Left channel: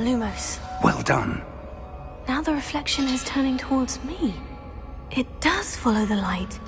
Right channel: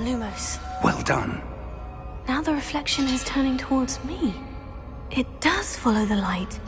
Lumos. Well done. Now the reflection is turning towards me. It does follow the light.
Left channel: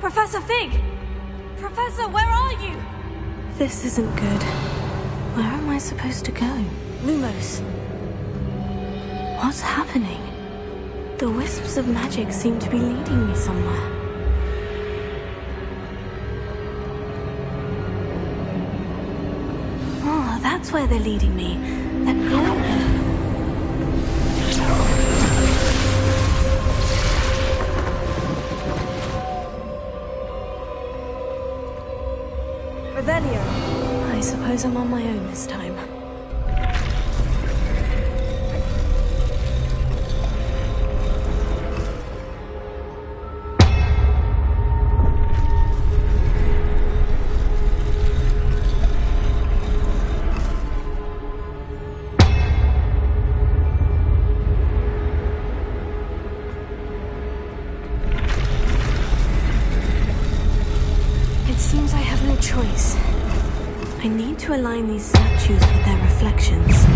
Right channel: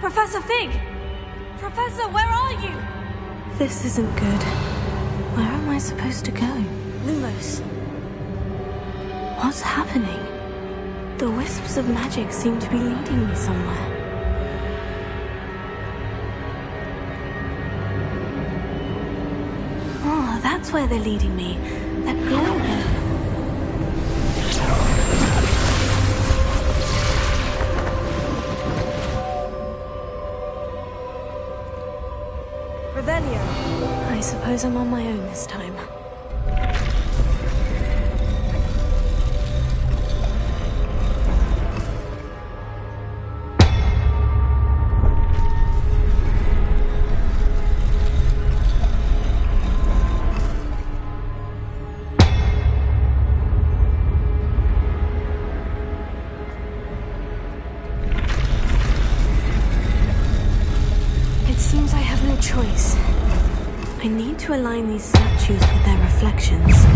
Professor Fig! Professor, where are you? This isn't good. Where am I supposed to go? Lumos. What's happening? The wisps of magic seem to be leading me somewhere. Oh, that's where they're leading me. That glow again. Revelio. I suppose I'm on my own this time. It seems I have no choice. I need to align these statues with their reflections.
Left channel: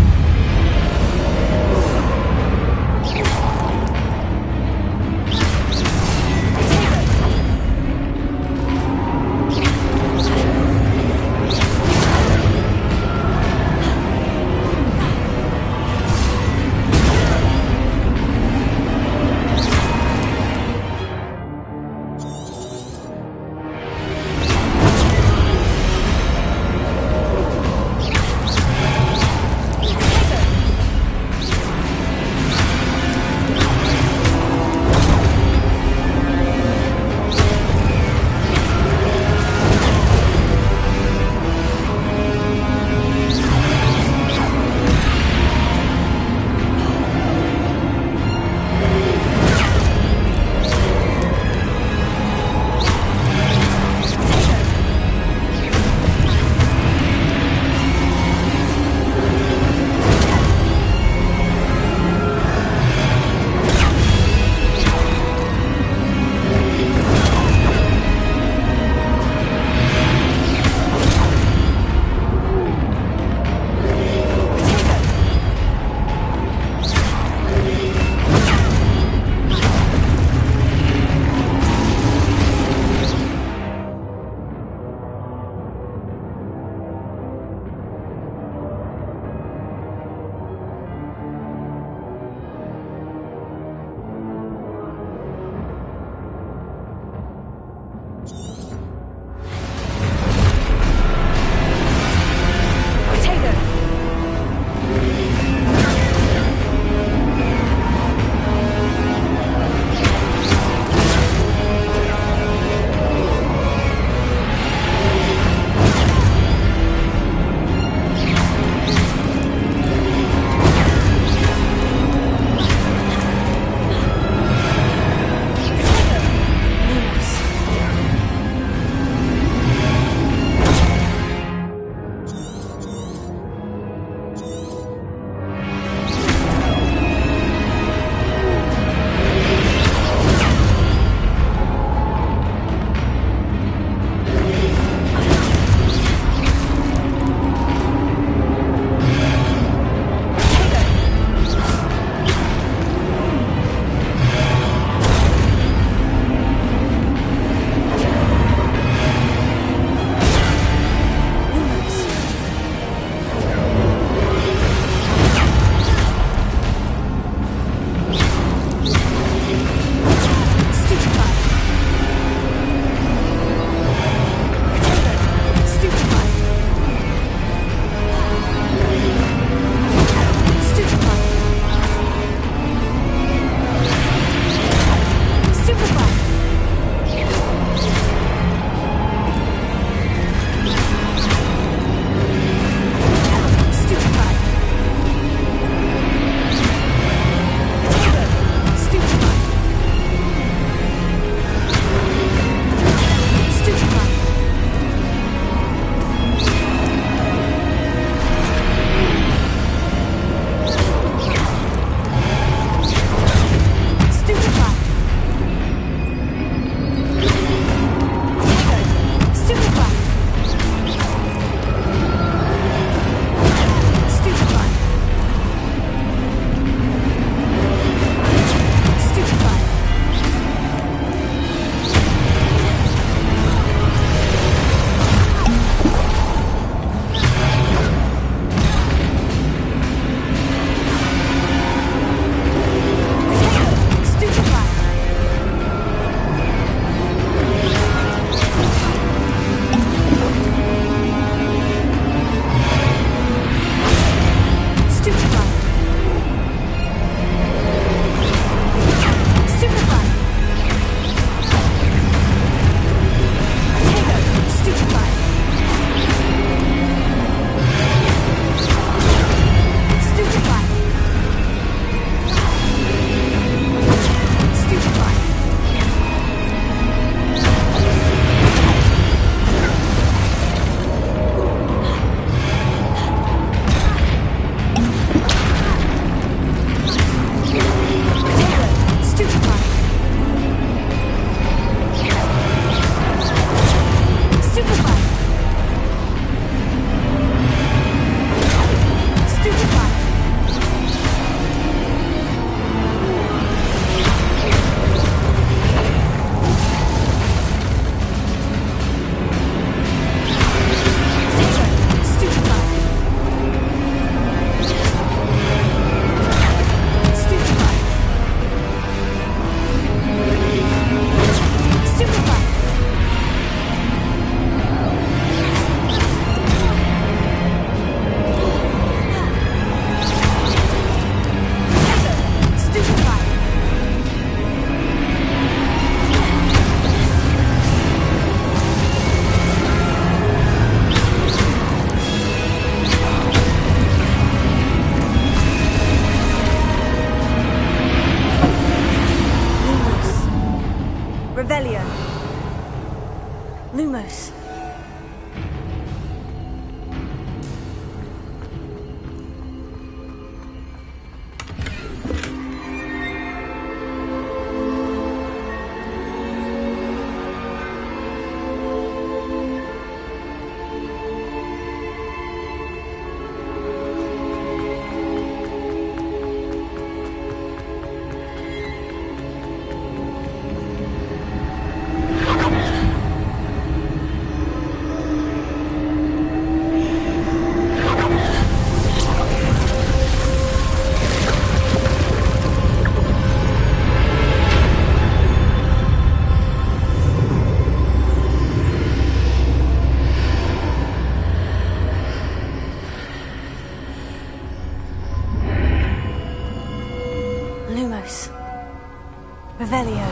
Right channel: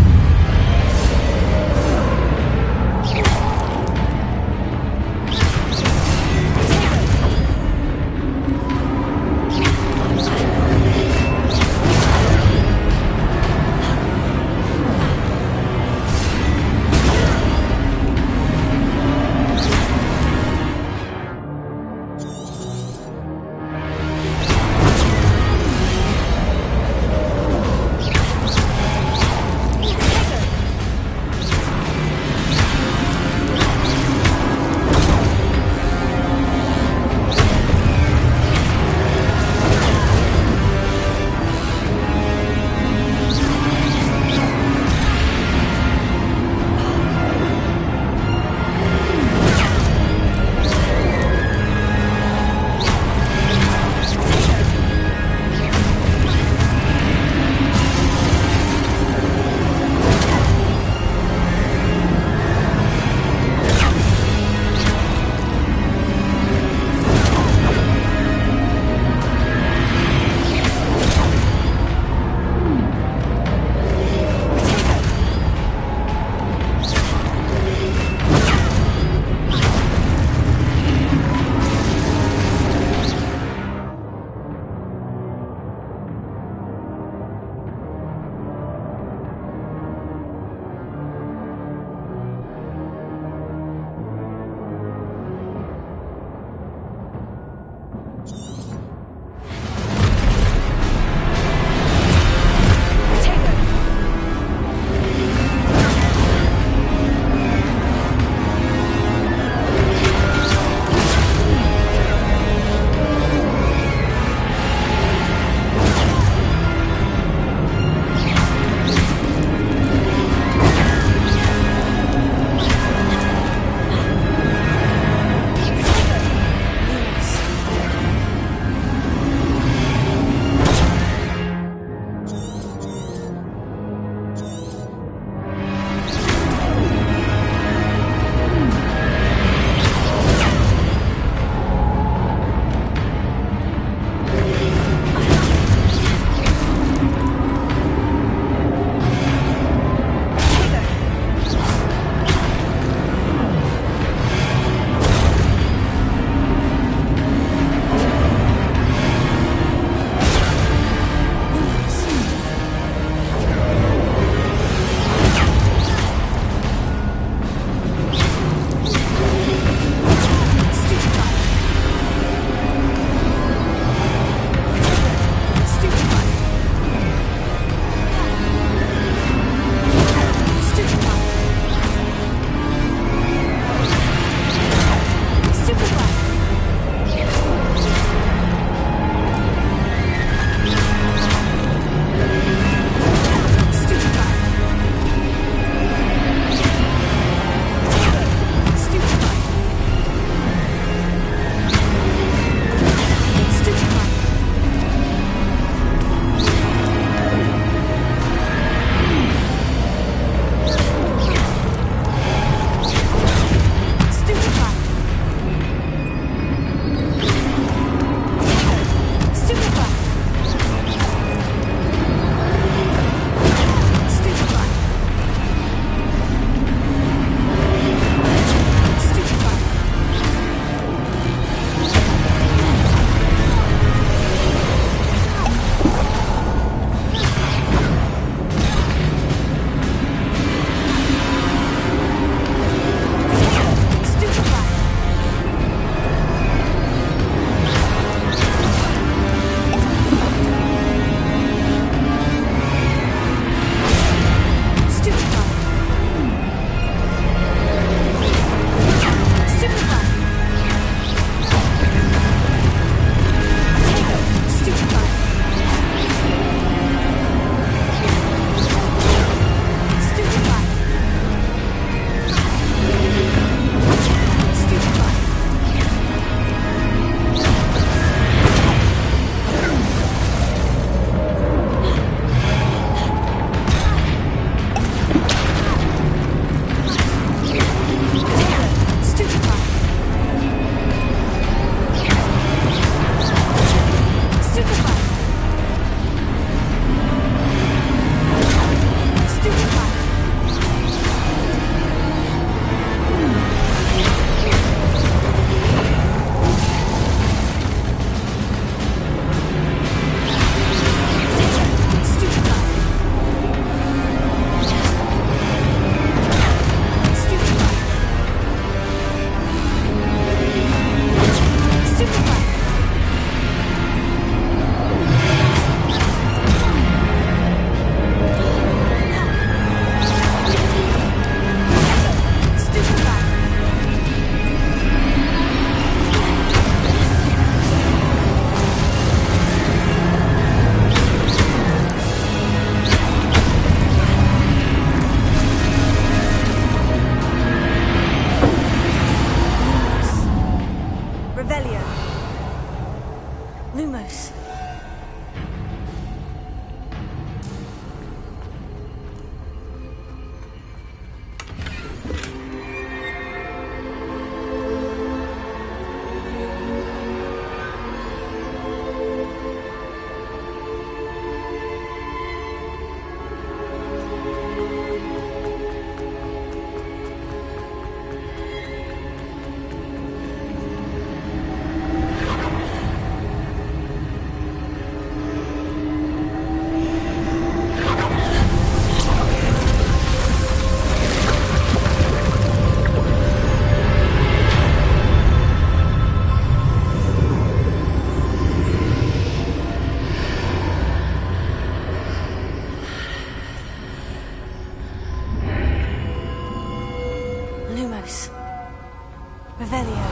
Revelio. Lumos. Lumos. Revelio.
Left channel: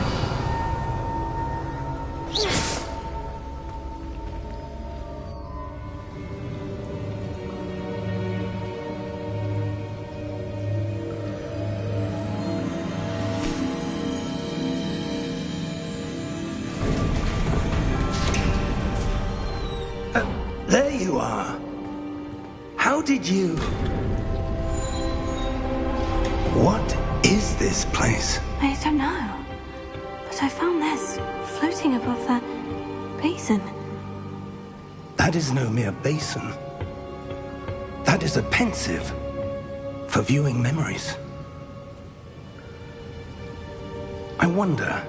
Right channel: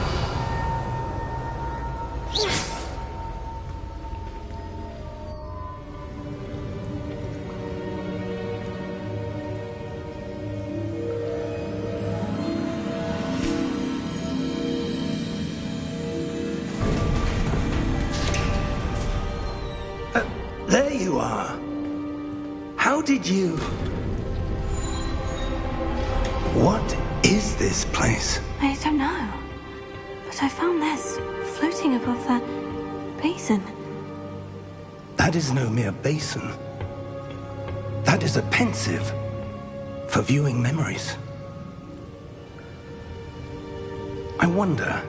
There you are. How did you... What is this place? I don't know. But I found this floating above that basin. That is no mere basin. That is a pensive for viewing memories. I wonder...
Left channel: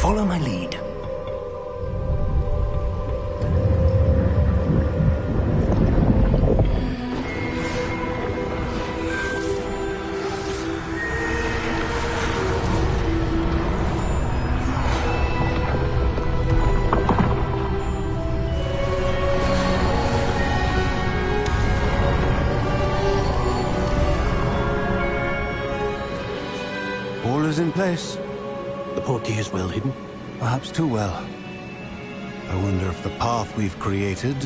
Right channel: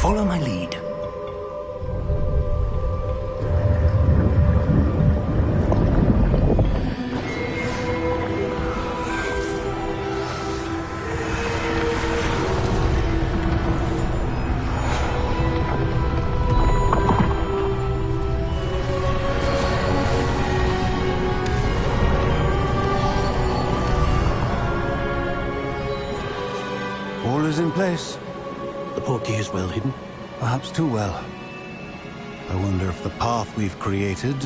Follow my lead. in place. The portkey is well hidden? Perhaps too well. I wonder if the path we've created...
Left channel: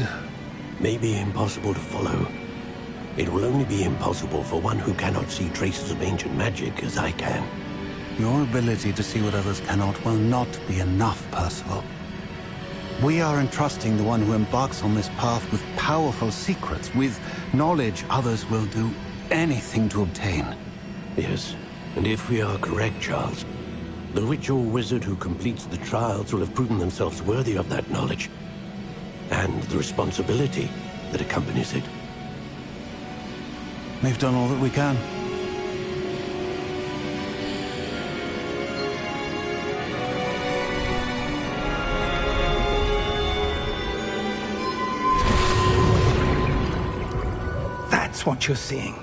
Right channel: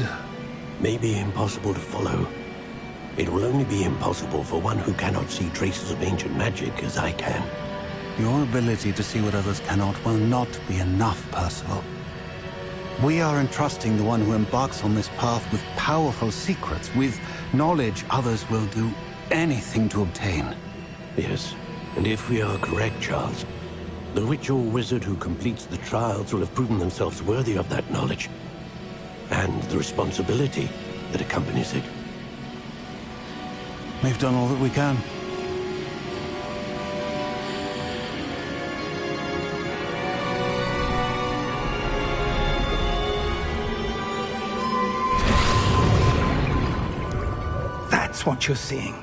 may be impossible to follow. It will only be impossible for one who cannot see traces of ancient magic as I can. Your ability to see what others cannot will not be enough, Percival. We are entrusting the one who embarks on this path with powerful secrets, with knowledge others will do anything to obtain. Yes, and if we are correct, Charles, the witch or wizard who completes the trials will have proven themselves worthy of that knowledge, and the responsibility that accompanies it. We've done all that we can. That's what you're seeing.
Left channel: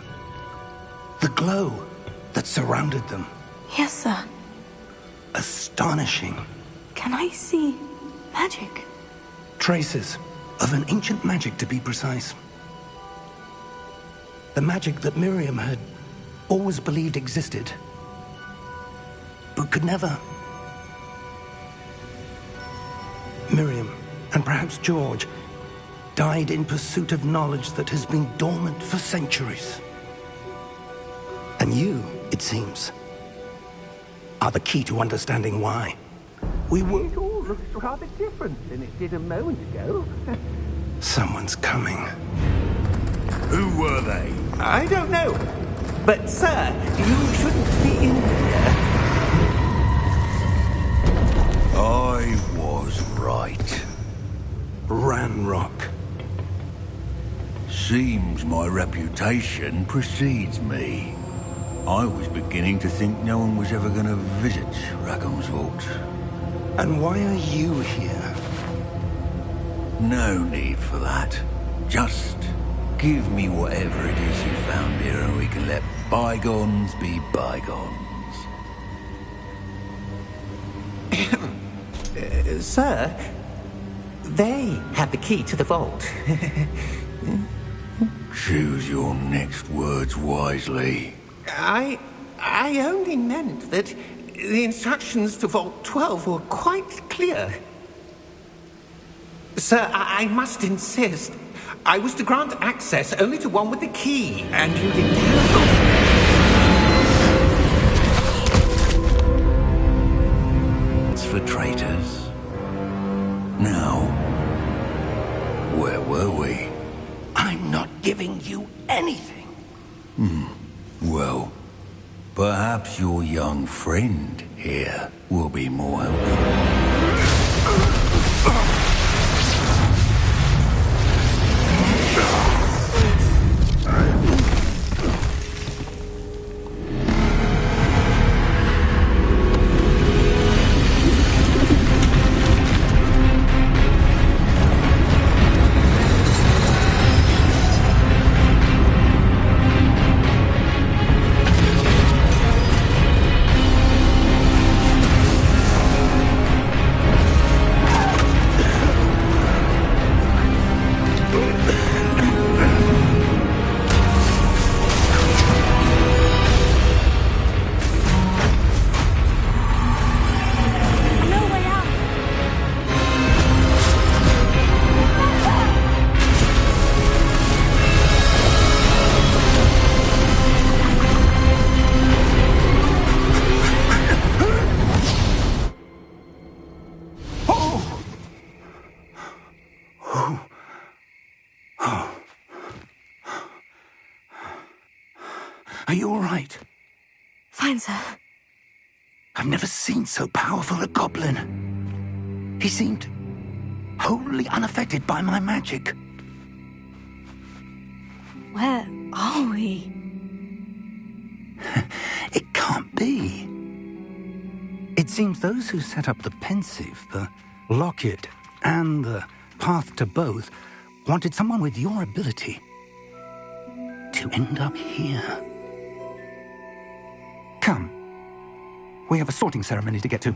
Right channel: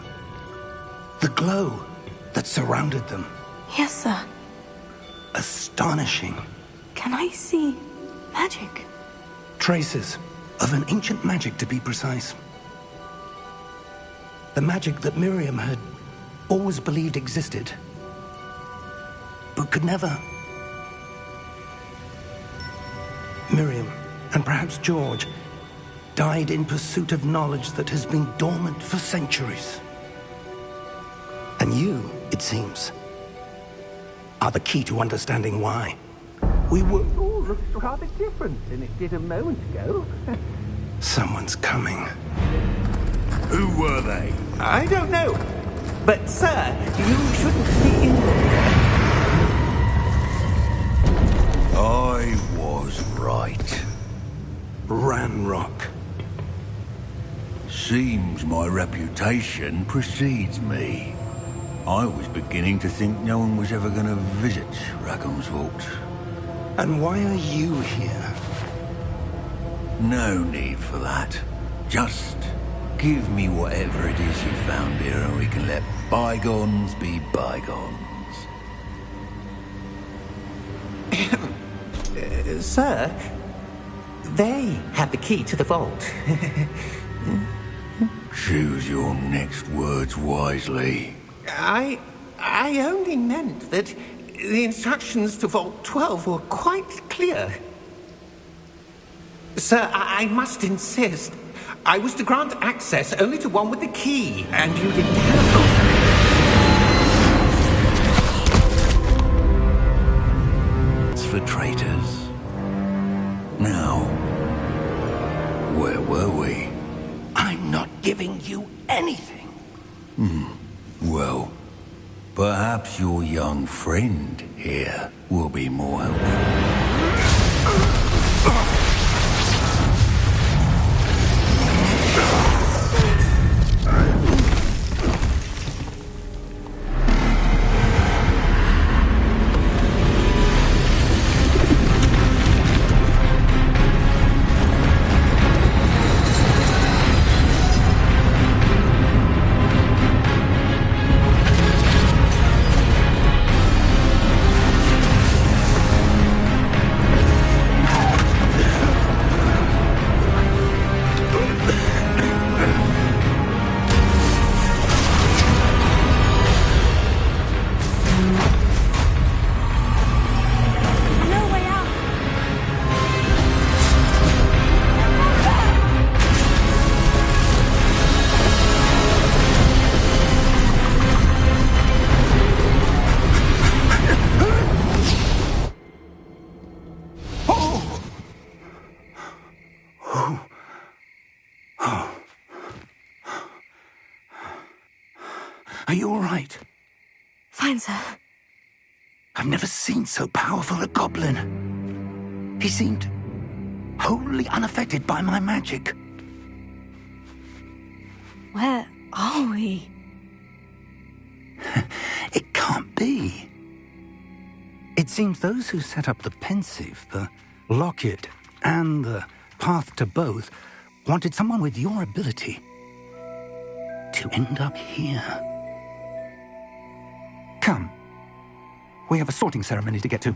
The glow that surrounded them. Yes, sir. Astonishing. Can I see magic? Traces of an ancient magic, to be precise. The magic that Miriam had always believed existed, but could never. Miriam, and perhaps George, died in pursuit of knowledge that has been dormant for centuries. And you, it seems, are the key to understanding why. We were... It all looks rather different than it did a moment ago. Someone's coming. Who were they? I don't know. But, sir, you shouldn't be in here. I was right. Ranrock. Seems my reputation precedes me. I was beginning to think no one was ever going to visit Rackham's Vault. And why are you here? No need for that. Just give me whatever it is you found here and we can let bygones be bygones. Sir, they have the key to the vault. Choose your next words wisely. I only meant that the instructions to Vault 12 were quite clear. Sir, I must insist. I was to grant access only to one with the key, and you didn't have It's for traitors. Now, where were we? I'm not giving you anything. Well, perhaps your young friend here will be more helpful. Are you all right? Fine, sir. I've never seen so powerful a goblin. He seemed wholly unaffected by my magic. Where are we? It can't be. It seems those who set up the Pensieve, the Locket, and the Path to Both wanted someone with your ability to end up here. Come. We have a sorting ceremony to get to.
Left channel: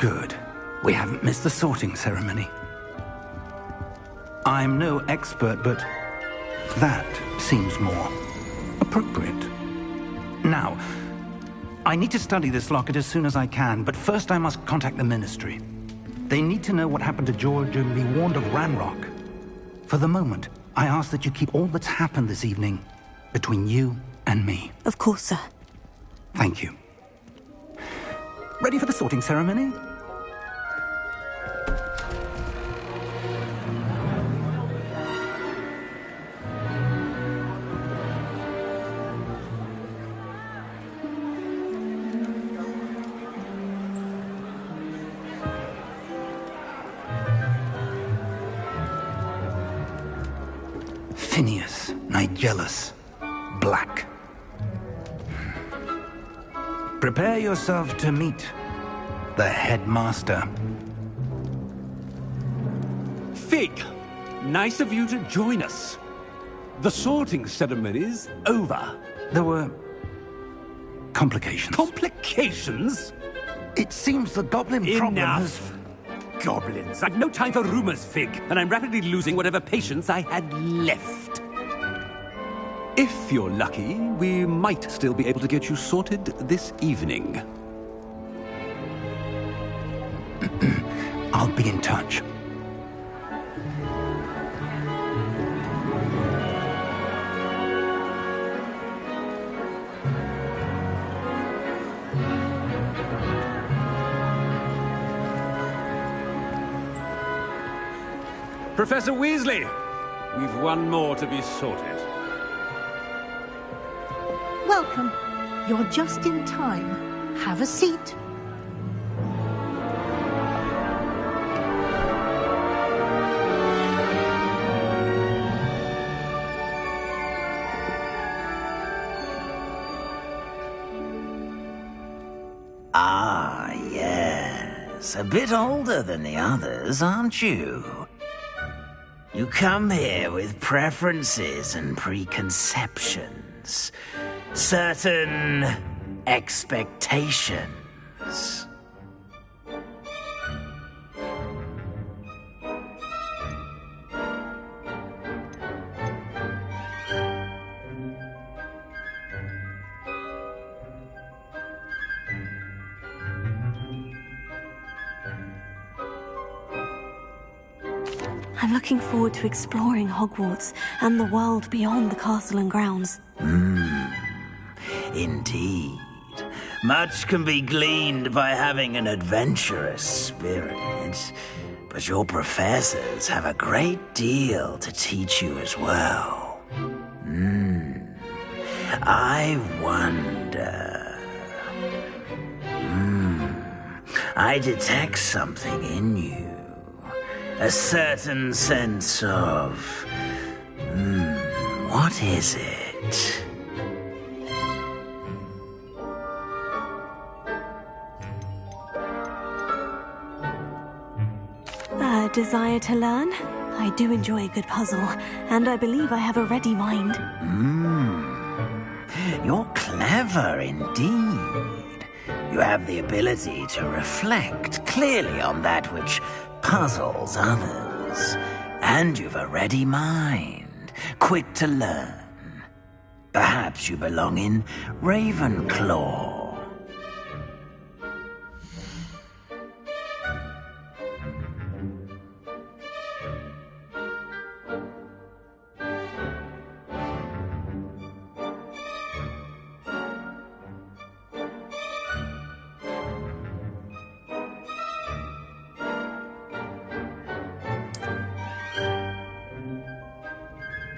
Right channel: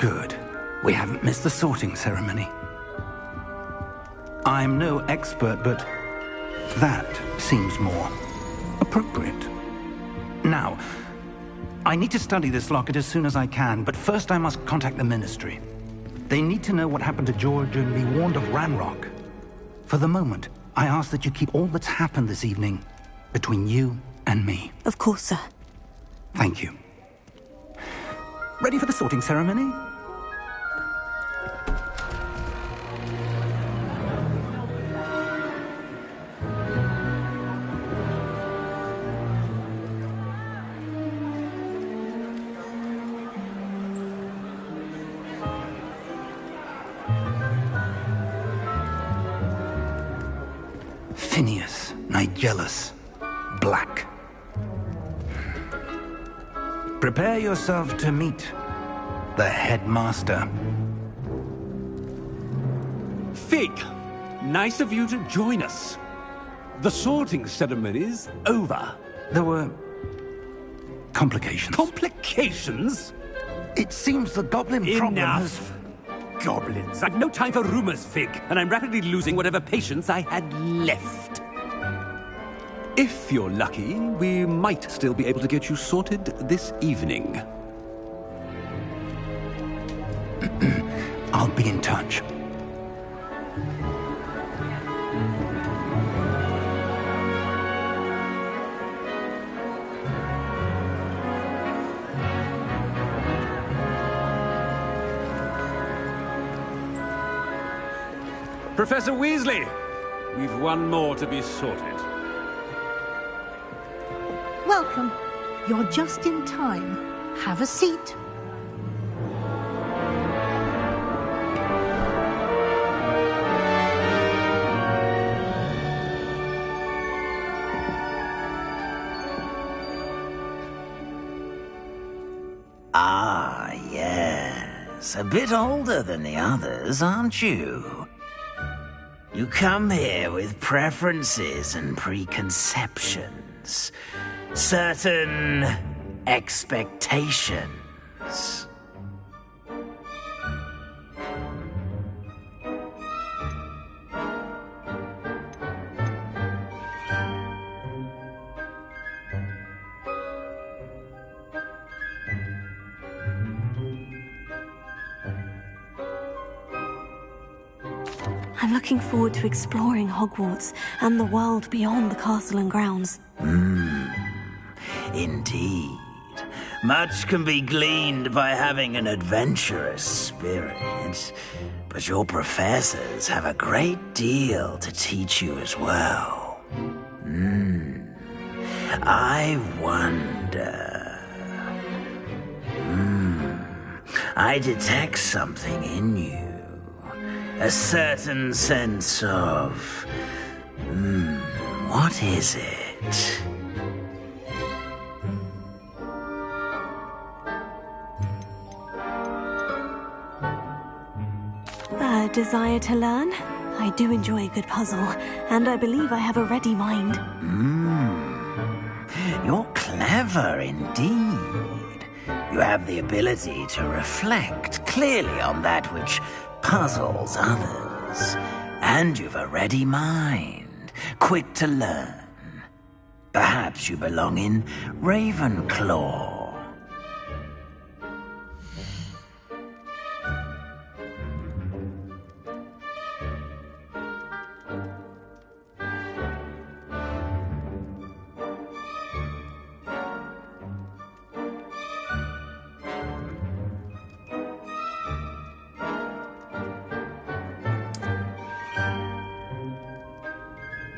Good. We haven't missed the sorting ceremony. I'm no expert, but that seems more appropriate. Now, I need to study this locket as soon as I can, but first I must contact the Ministry. They need to know what happened to George and be warned of Ranrock. For the moment, I ask that you keep all that's happened this evening between you and me. Of course, sir. Thank you. Ready for the sorting ceremony? Phineas Nigellus Black. Prepare yourself to meet the headmaster. Fig, nice of you to join us. The sorting ceremony's over. There were complications. Complications? It seems the goblin problem has... Enough! Goblins. I've no time for rumors, Fig, and I'm rapidly losing whatever patience I had left. If you're lucky, we might still be able to get you sorted this evening. I'll be in touch. Professor Weasley, we've one more to be sorted. Welcome. You're just in time. Have a seat. Ah, yes. A bit older than the others, aren't you? You come here with preferences and preconceptions. Certain expectations. I'm looking forward to exploring Hogwarts and the world beyond the castle and grounds. Indeed. Much can be gleaned by having an adventurous spirit, but your professors have a great deal to teach you as well. I wonder... I detect something in you. A certain sense of... what is it? A desire to learn? I do enjoy a good puzzle, and I believe I have a ready mind. You're clever indeed. You have the ability to reflect clearly on that which puzzles others. And you've a ready mind, quick to learn. Perhaps you belong in Ravenclaw.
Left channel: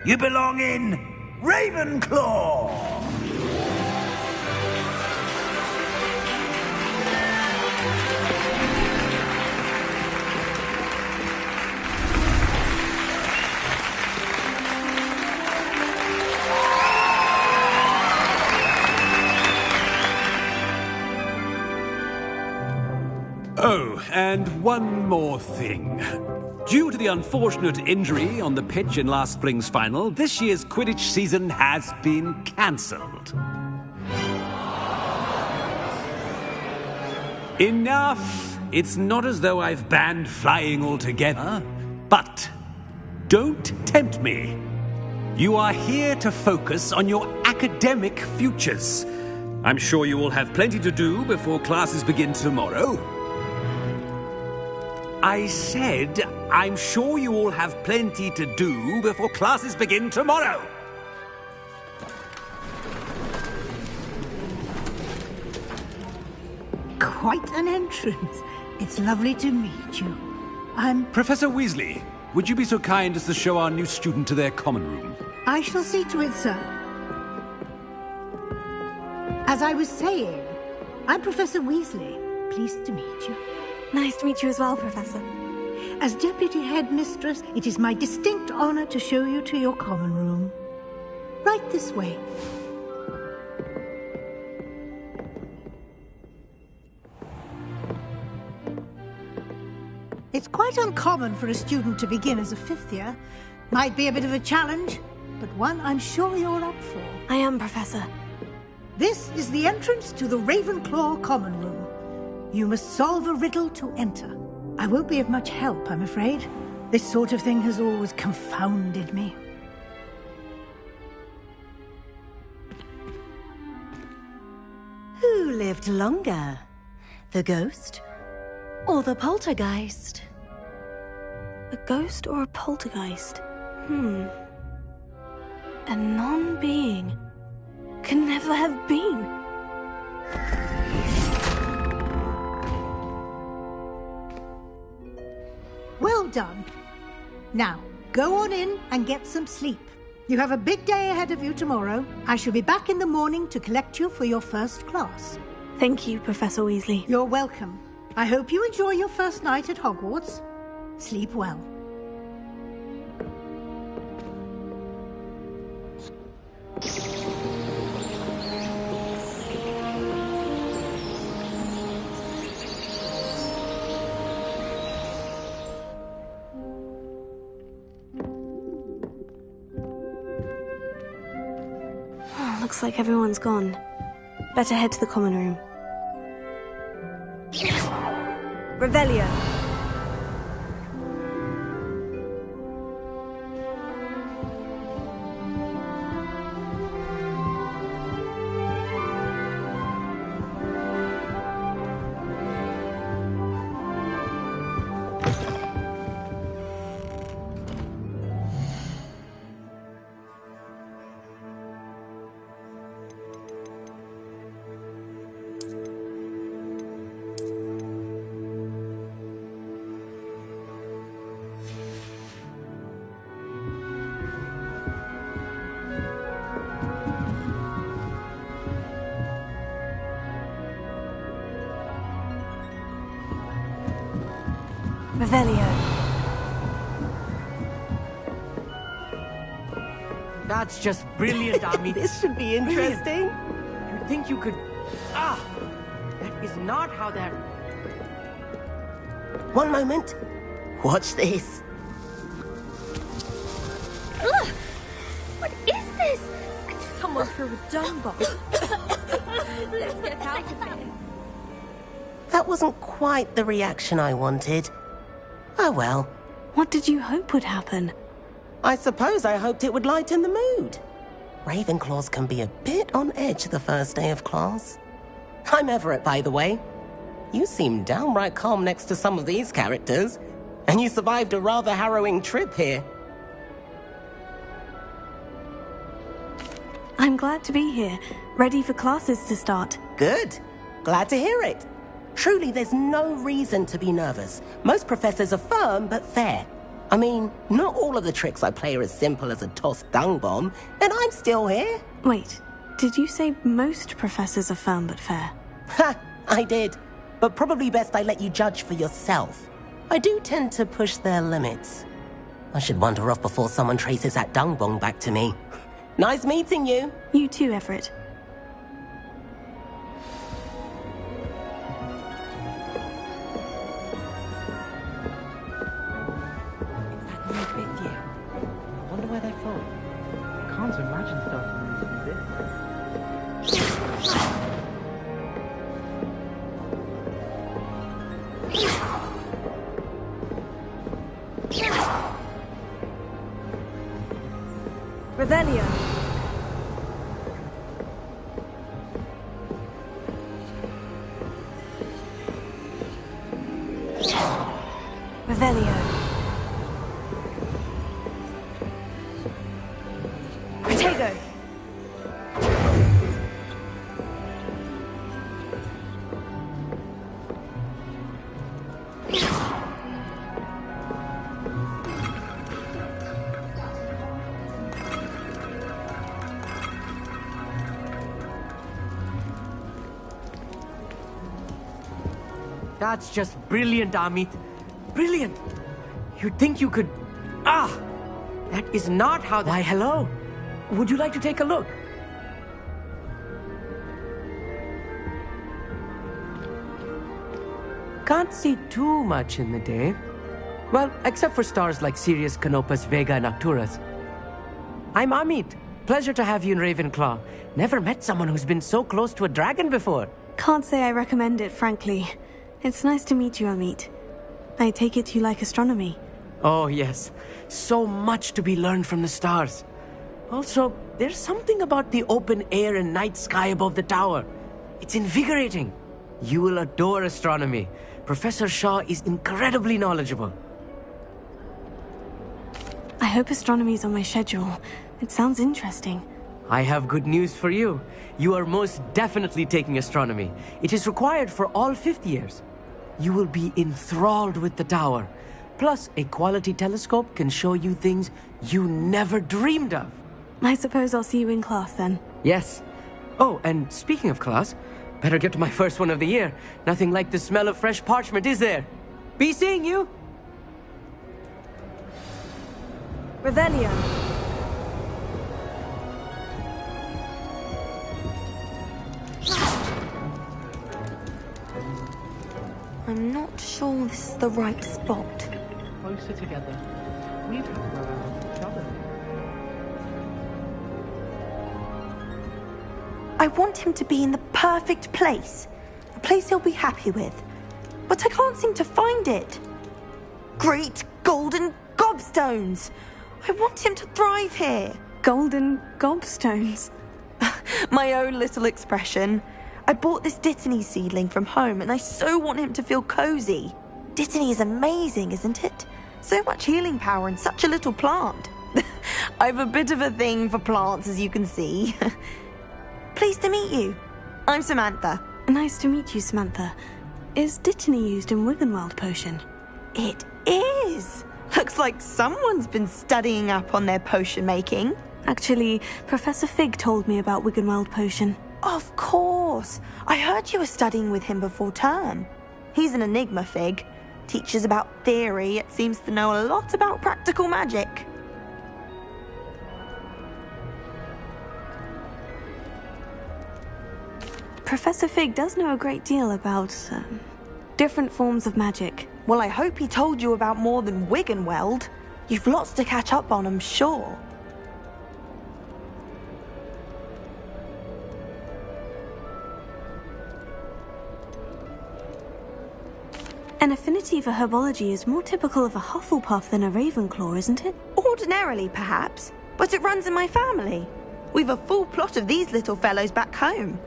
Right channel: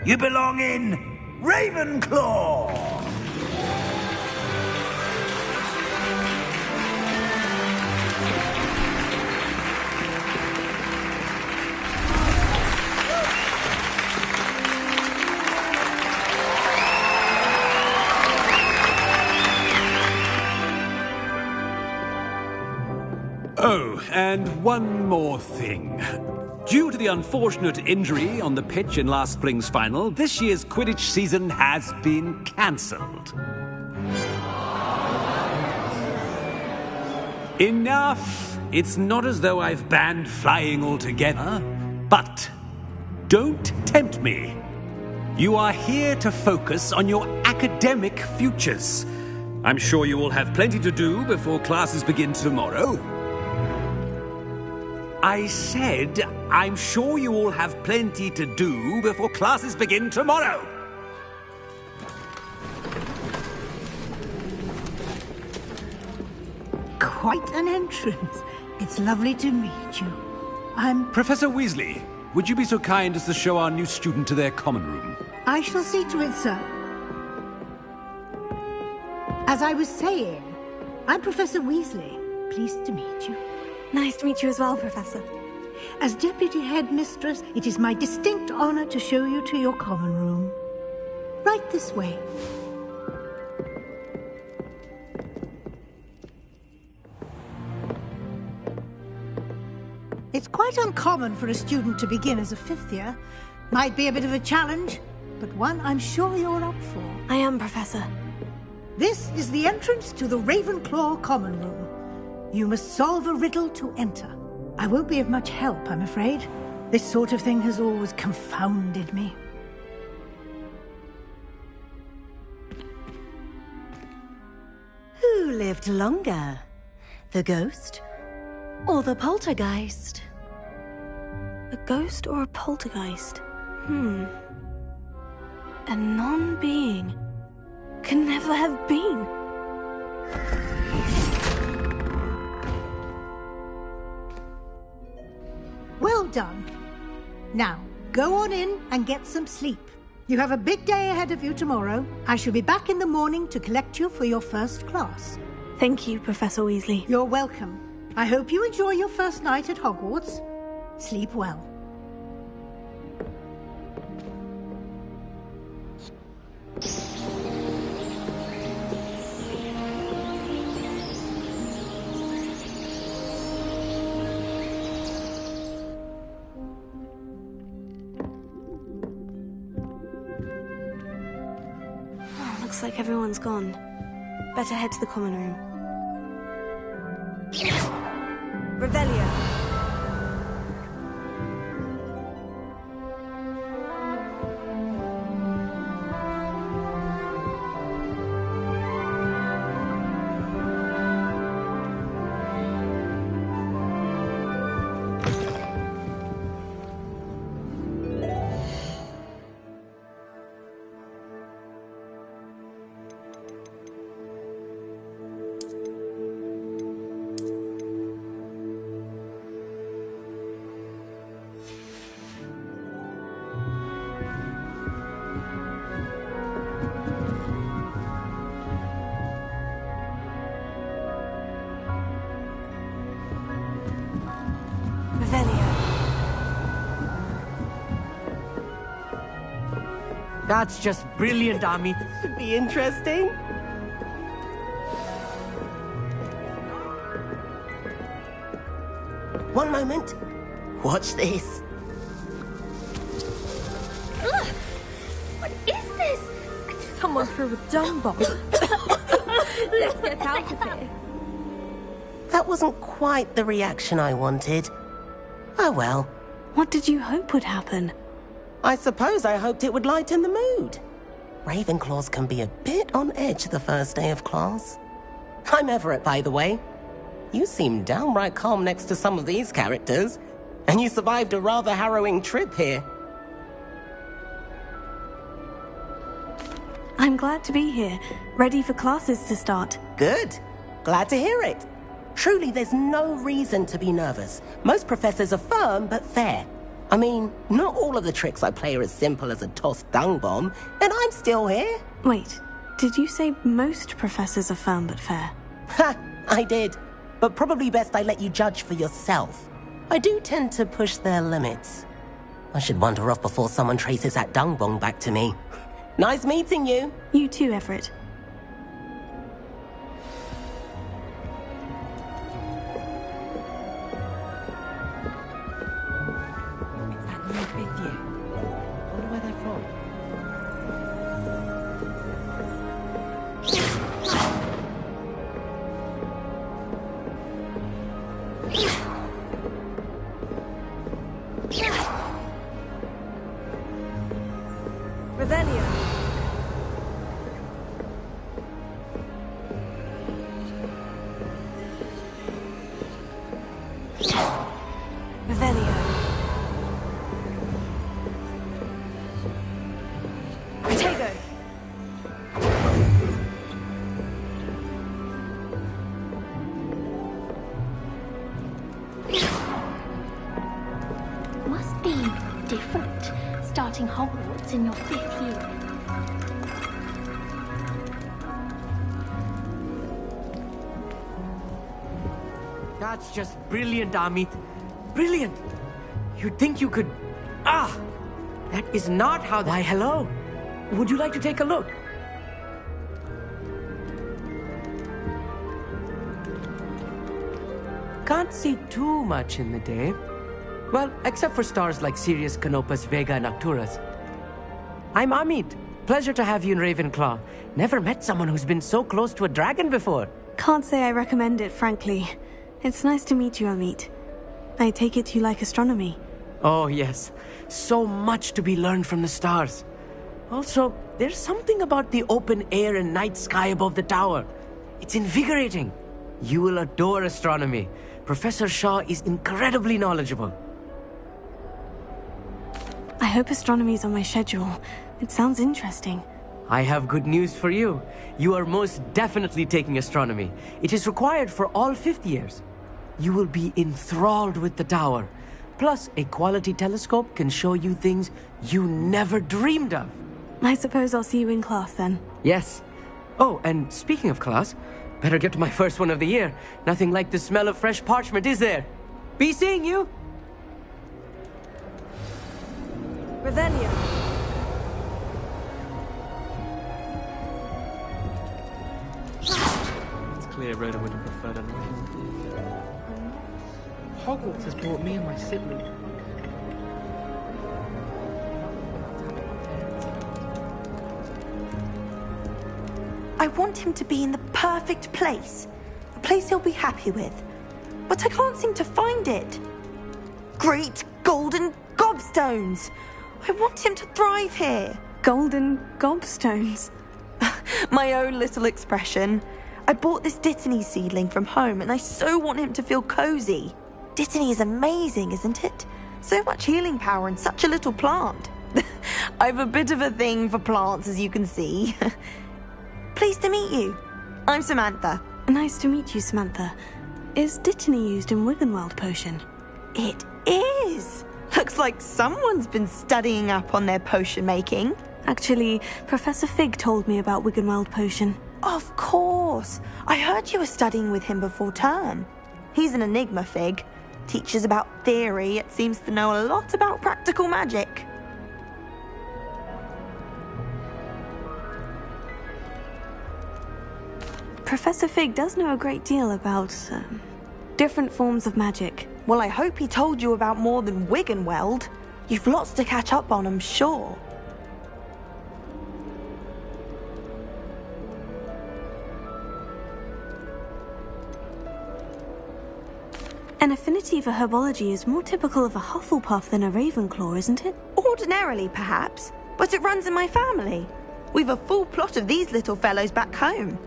You belong in Ravenclaw! Oh, and one more thing. Due to the unfortunate injury on the pitch in last spring's final, this year's Quidditch season has been cancelled. Enough! It's not as though I've banned flying altogether. But don't tempt me. You are here to focus on your academic futures. I'm sure you will have plenty to do before classes begin tomorrow. I said, I'm sure you all have plenty to do before classes begin tomorrow. Quite an entrance. It's lovely to meet you. I'm... Professor Weasley, would you be so kind as to show our new student to their common room? I shall see to it, sir. As I was saying, I'm Professor Weasley. Pleased to meet you. Nice to meet you as well, Professor. As Deputy Headmistress, it is my distinct honor to show you to your common room. Right this way. It's quite uncommon for a student to begin as a fifth year. Might be a bit of a challenge, but one I'm sure you're up for. I am, Professor. This is the entrance to the Ravenclaw Common Room. You must solve a riddle to enter. I won't be of much help, I'm afraid. This sort of thing has always confounded me. Who lived longer? The ghost or the poltergeist? A ghost or a poltergeist? A non-being can never have been. Well done. Now, go on in and get some sleep. You have a big day ahead of you tomorrow. I shall be back in the morning to collect you for your first class. Thank you, Professor Weasley. You're welcome. I hope you enjoy your first night at Hogwarts. Sleep well. Looks like everyone's gone. Better head to the common room. Revelio. That's just brilliant, Ami. This should be interesting. You'd think you could... Ah! That is not how that... One moment. Watch this. Ugh! What is this? Someone threw a dung bomb. Let's get out of here. That wasn't quite the reaction I wanted. Oh well. What did you hope would happen? I suppose I hoped it would lighten the mood. Ravenclaws can be a bit on edge the first day of class. I'm Everett, by the way. You seem downright calm next to some of these characters, and you survived a rather harrowing trip here. I'm glad to be here, ready for classes to start. Good. Glad to hear it. Truly, there's no reason to be nervous. Most professors are firm but fair. I mean, not all of the tricks I play are as simple as a tossed dung bomb, and I'm still here. Wait, did you say most professors are firm but fair? Ha! I did. But probably best I let you judge for yourself. I do tend to push their limits. I should wander off before someone traces that dung bomb back to me. Nice meeting you. You too, Everett. Fifth year. Wonder where they're from. Can't imagine stuff. Revelio. Revelio. Protego. Must be different, starting Hogwarts in your 5th year. That's just brilliant, Amit. Brilliant! You'd think you could... Ah! That is not how... Why, hello. Would you like to take a look? Can't see too much in the day. Well, except for stars like Sirius, Canopus, Vega, and Arcturus. I'm Amit. Pleasure to have you in Ravenclaw. Never met someone who's been so close to a dragon before. Can't say I recommend it, frankly. It's nice to meet you, Amit. I take it you like astronomy. Oh, yes. So much to be learned from the stars. Also, there's something about the open air and night sky above the tower. It's invigorating. You will adore astronomy. Professor Shaw is incredibly knowledgeable. I hope astronomy's on my schedule. It sounds interesting. I have good news for you. You are most definitely taking astronomy. It is required for all 5th years. You will be enthralled with the tower. Plus, a quality telescope can show you things you never dreamed of. I suppose I'll see you in class then. Yes. Oh, and speaking of class, better get to my first one of the year. Nothing like the smell of fresh parchment, is there? Be seeing you! Revelio. I'm not sure this is the right spot. I want him to be in the perfect place. A place he'll be happy with. But I can't seem to find it. Great golden gobstones! I want him to thrive here. Golden gobstones? My own little expression. I bought this Dittany seedling from home and I so want him to feel cozy. Dittany is amazing, isn't it? So much healing power in such a little plant. I've a bit of a thing for plants, as you can see. Pleased to meet you. I'm Samantha. Nice to meet you, Samantha. Is Dittany used in Wiggenweld potion? It is. Looks like someone's been studying up on their potion making. Actually, Professor Fig told me about Wiggenweld potion. Of course. I heard you were studying with him before term. He's an enigma, Fig. Teaches about theory, yet seems to know a lot about practical magic. Professor Fig does know a great deal about different forms of magic. Well, I hope he told you about more than Wiggenweld. You've lots to catch up on, I'm sure. An affinity for herbology is more typical of a Hufflepuff than a Ravenclaw, isn't it? Ordinarily, perhaps, but it runs in my family. We've a full plot of these little fellows back home.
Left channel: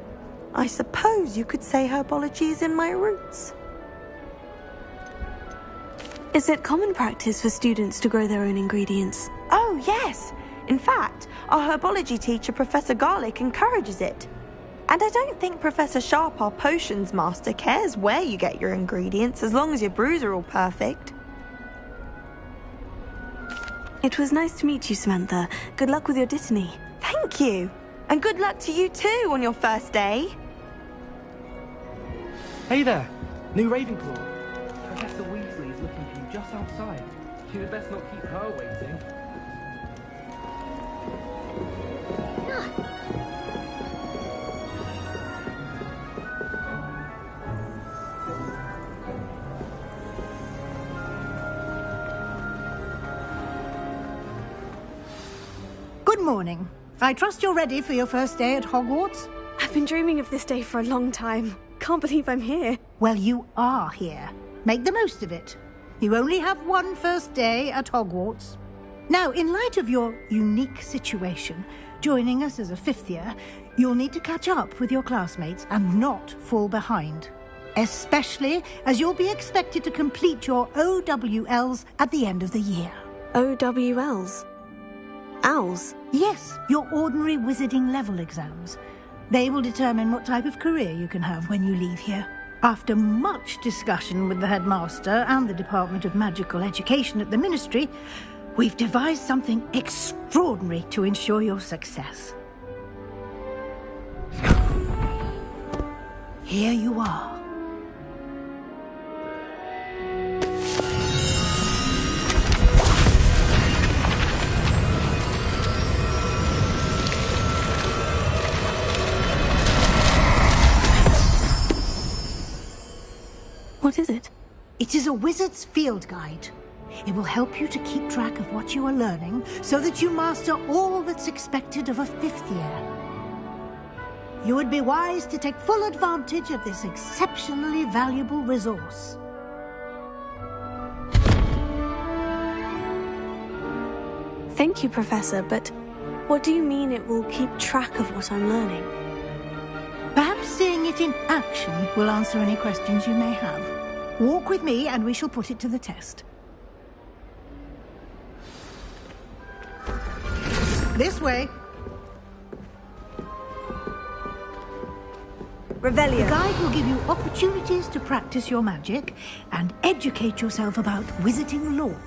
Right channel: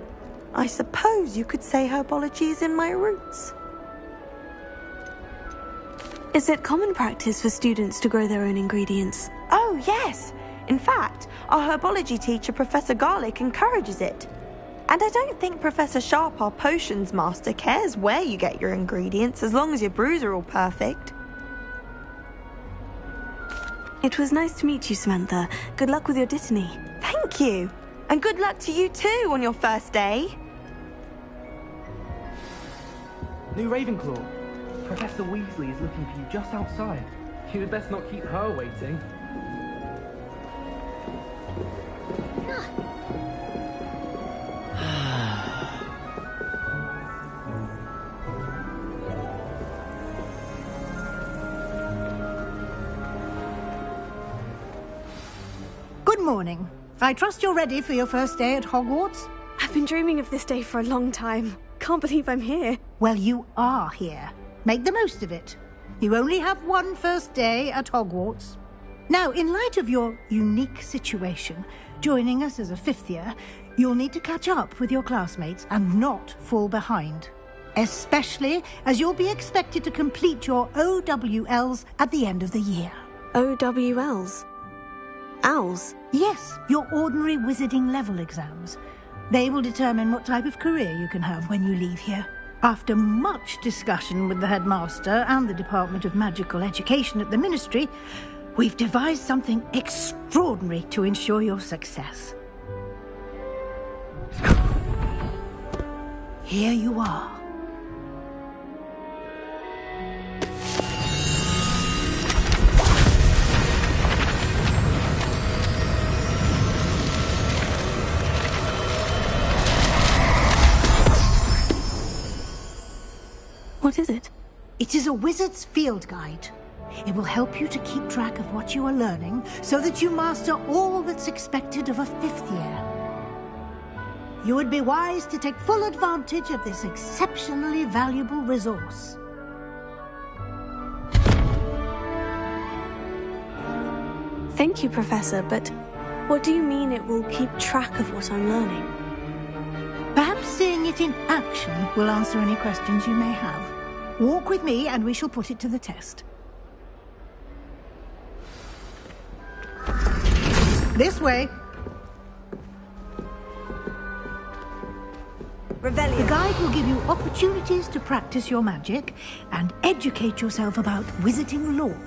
I suppose you could say herbology is in my roots. Is it common practice for students to grow their own ingredients? Oh, yes. In fact, our herbology teacher, Professor Garlick, encourages it. And I don't think Professor Sharp, our potions master, cares where you get your ingredients, as long as your brews are all perfect. It was nice to meet you, Samantha. Good luck with your Dittany. Thank you. And good luck to you too on your first day. Hey there, new Ravenclaw. Professor Weasley is looking for you just outside. You had best not keep her waiting. Good morning. I trust you're ready for your first day at Hogwarts? I've been dreaming of this day for a long time. Can't believe I'm here. Well, you are here. Make the most of it. You only have one first day at Hogwarts. Now, in light of your unique situation, joining us as a 5th year, you'll need to catch up with your classmates and not fall behind. Especially as you'll be expected to complete your OWLs at the end of the year. OWLs? Owls? Yes, your ordinary wizarding level exams. They will determine what type of career you can have when you leave here. After much discussion with the headmaster and the Department of Magical Education at the Ministry, we've devised something extraordinary to ensure your success. Here you are. What is it? It is a wizard's field guide. It will help you to keep track of what you are learning so that you master all that's expected of a 5th year. You would be wise to take full advantage of this exceptionally valuable resource. Thank you, Professor, but what do you mean it will keep track of what I'm learning? Perhaps seeing it in action will answer any questions you may have. Walk with me and we shall put it to the test. This way. Revelio. The guide will give you opportunities to practice your magic and educate yourself about wizarding lore.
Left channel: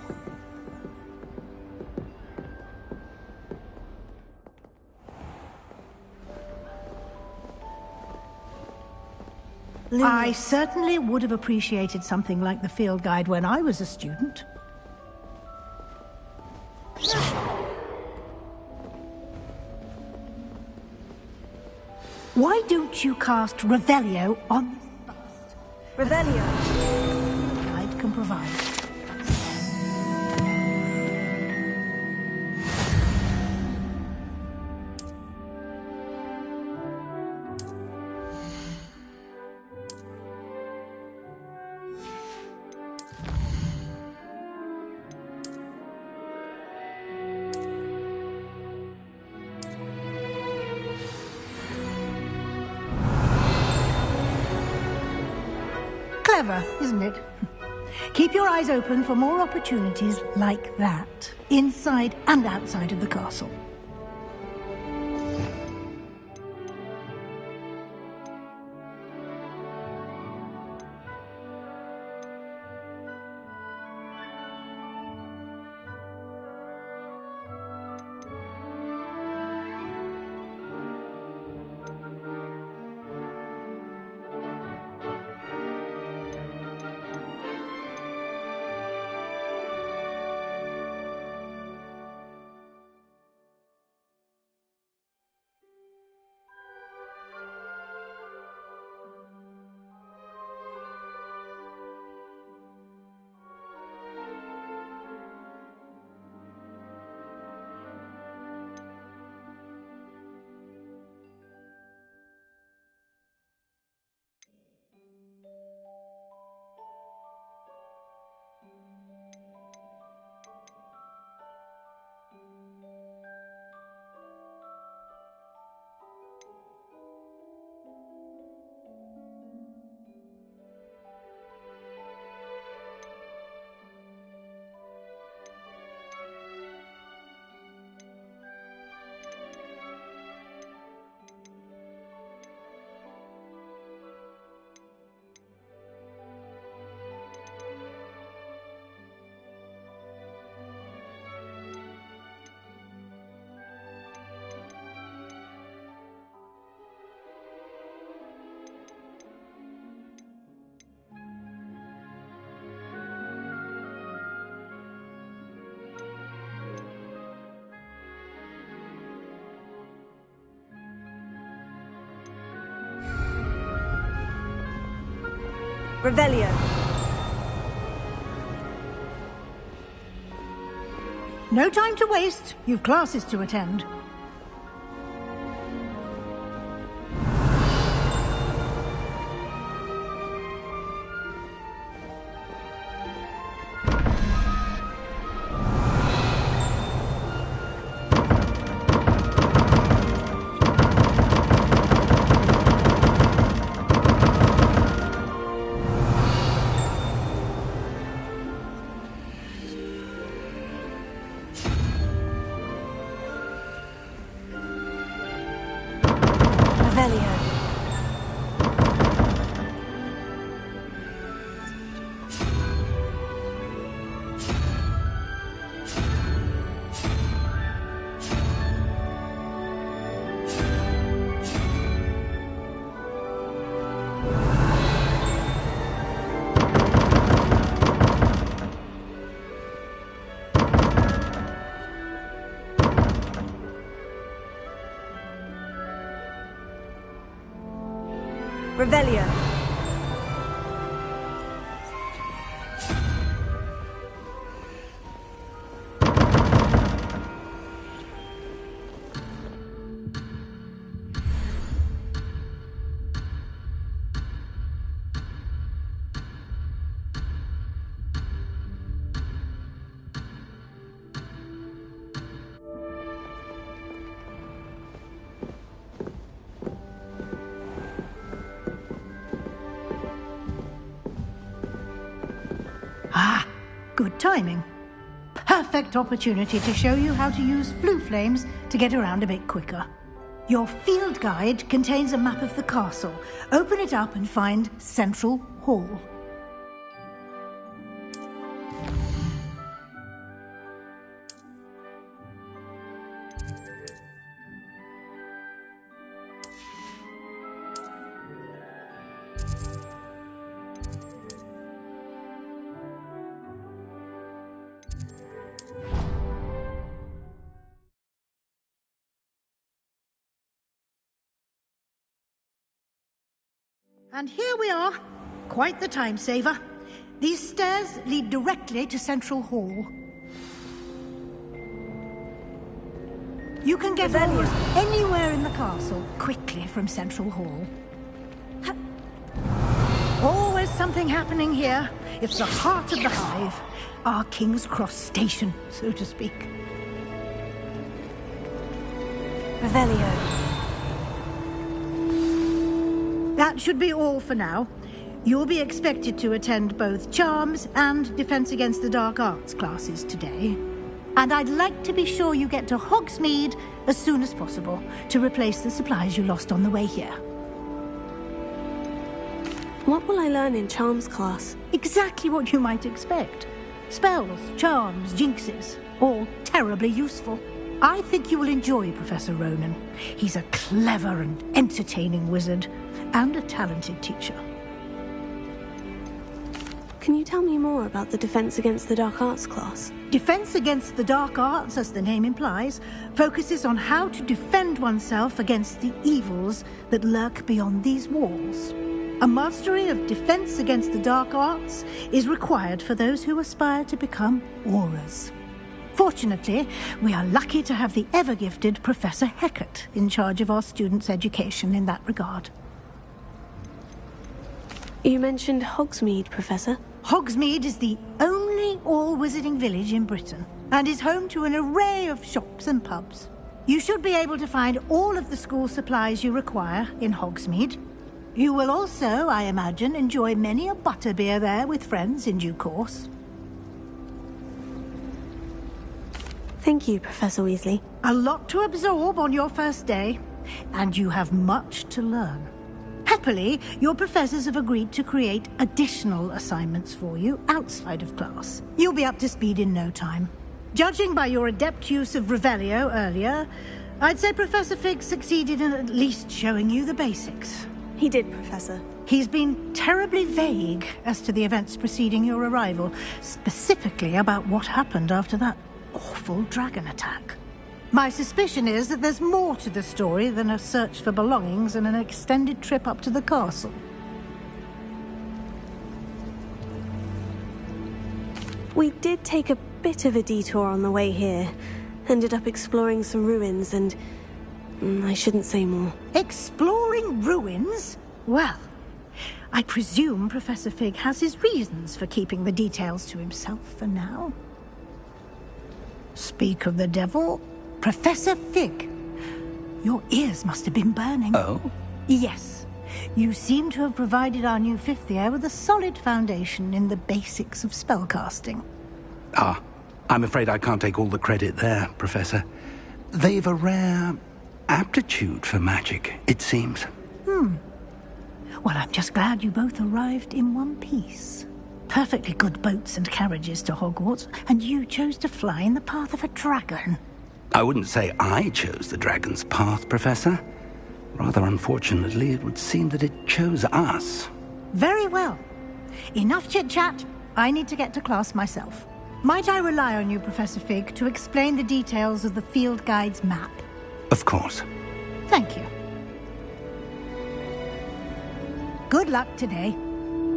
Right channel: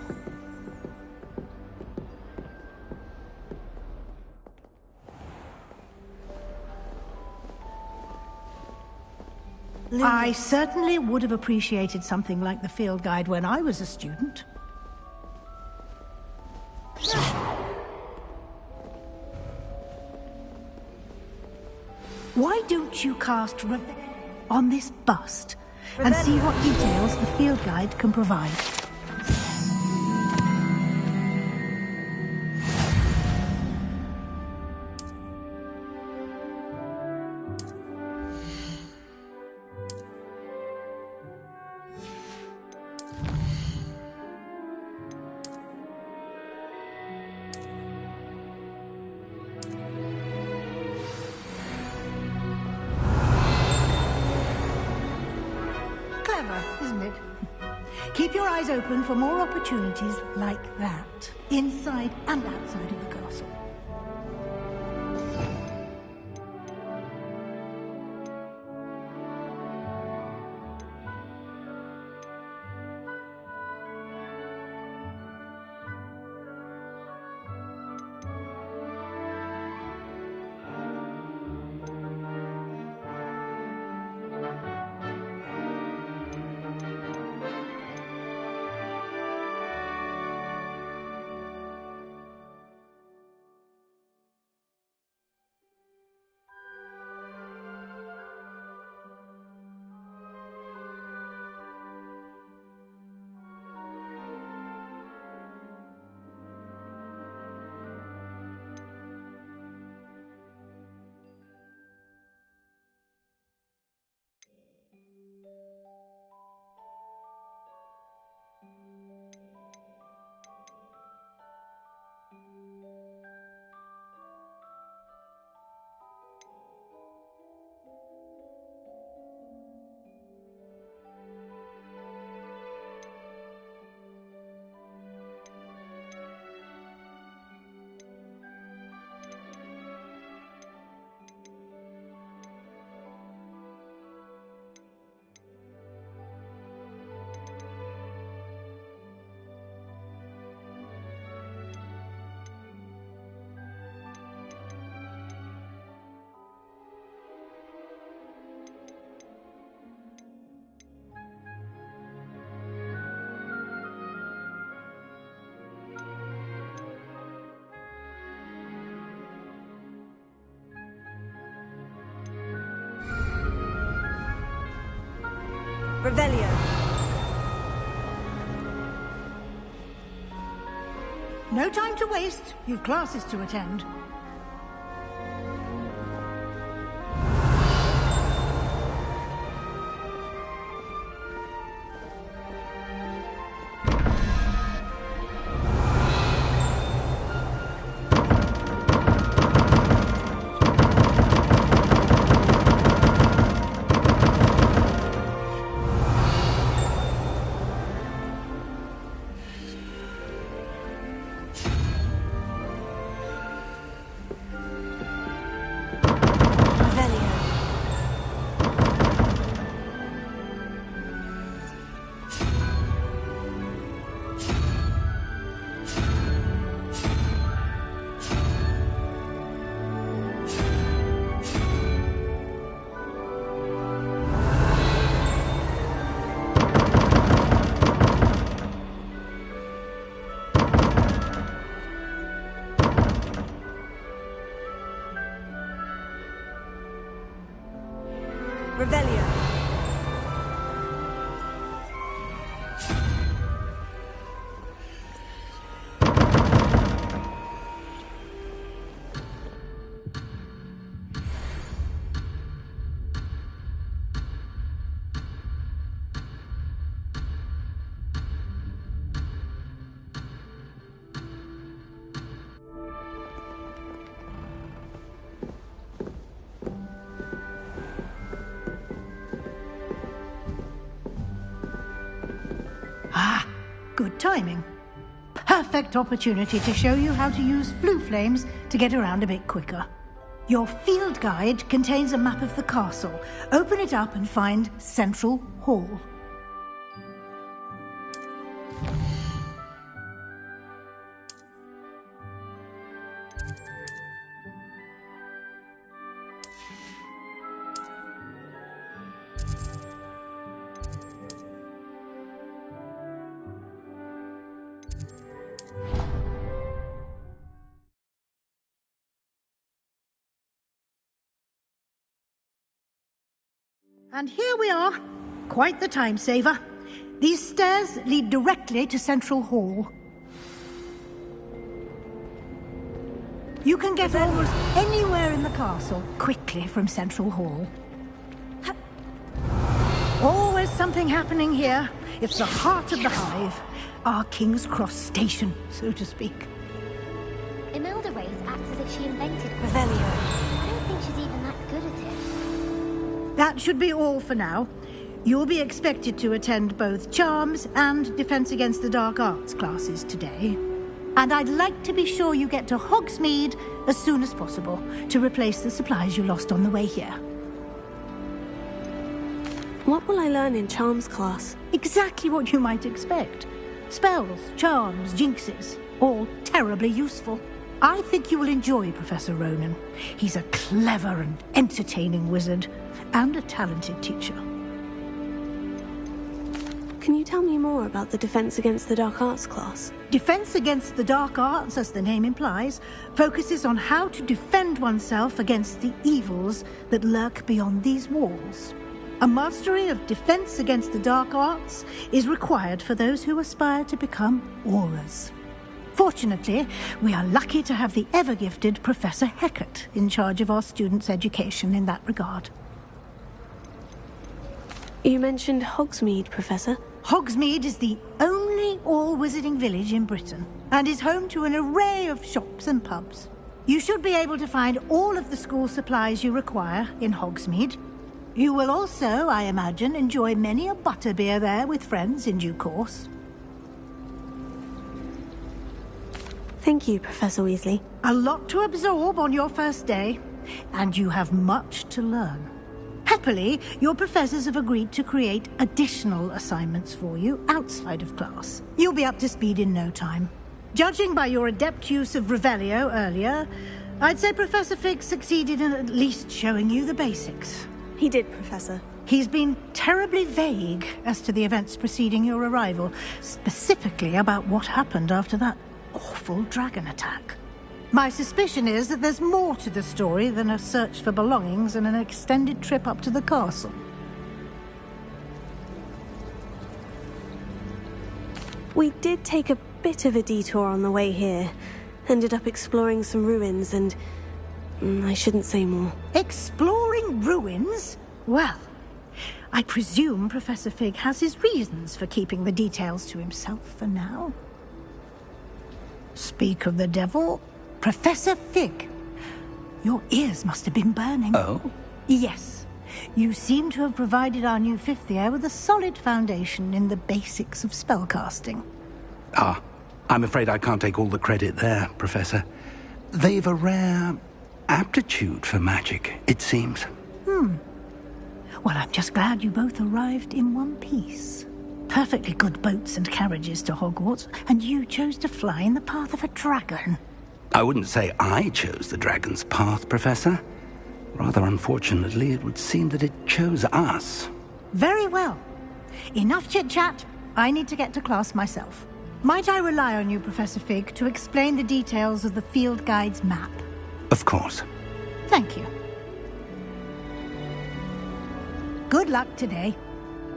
I certainly would have appreciated something like the field guide when I was a student. Why don't you cast Revelio on this bust and see what details the field guide can provide? Clever, isn't it? Keep your eyes open for more opportunities like that, inside and outside of the castle. Revelio. No time to waste. You've classes to attend. Revelio. Good timing. Perfect opportunity to show you how to use flue flames to get around a bit quicker. Your field guide contains a map of the castle. Open it up and find Central Hall. And here we are. Quite the time saver. These stairs lead directly to Central Hall. You can get almost anywhere in the castle quickly from Central Hall. Always something happening here. It's the heart of the hive. Our King's Cross station, so to speak. Revelio. That should be all for now. You'll be expected to attend both Charms and Defense Against the Dark Arts classes today. And I'd like to be sure you get to Hogsmeade as soon as possible to replace the supplies you lost on the way here. What will I learn in Charms class? Exactly what you might expect. Spells, charms, jinxes, all terribly useful. I think you will enjoy Professor Ronen. He's a clever and entertaining wizard, and a talented teacher. Can you tell me more about the Defense Against the Dark Arts class? Defense Against the Dark Arts, as the name implies, focuses on how to defend oneself against the evils that lurk beyond these walls. A mastery of Defense Against the Dark Arts is required for those who aspire to become Aurors. Fortunately, we are lucky to have the ever-gifted Professor Hecat in charge of our students' education in that regard. You mentioned Hogsmeade, Professor. Hogsmeade is the only all-wizarding village in Britain, and is home to an array of shops and pubs. You should be able to find all of the school supplies you require in Hogsmeade. You will also, I imagine, enjoy many a butterbeer there with friends in due course. Thank you, Professor Weasley. A lot to absorb on your first day, and you have much to learn. Happily, your professors have agreed to create additional assignments for you outside of class. You'll be up to speed in no time. Judging by your adept use of Revelio earlier, I'd say Professor Fig succeeded in at least showing you the basics. He did, Professor. He's been terribly vague as to the events preceding your arrival, specifically about what happened after that awful dragon attack. My suspicion is that there's more to the story than a search for belongings and an extended trip up to the castle. We did take a bit of a detour on the way here. Ended up exploring some ruins and... I shouldn't say more. Exploring ruins? Well, I presume Professor Fig has his reasons for keeping the details to himself for now. Speak of the devil, Professor Fig. Your ears must have been burning. Oh? Yes. You seem to have provided our new fifth year with a solid foundation in the basics of spellcasting. Ah, I'm afraid I can't take all the credit there, Professor. They've a rare aptitude for magic, it seems. Well, I'm just glad you both arrived in one piece. Perfectly good boats and carriages to Hogwarts, and you chose to fly in the path of a dragon. I wouldn't say I chose the dragon's path, Professor. Rather unfortunately, it would seem that it chose us. Very well. Enough chit-chat. I need to get to class myself. Might I rely on you, Professor Fig, to explain the details of the field guide's map? Of course. Thank you. Good luck today.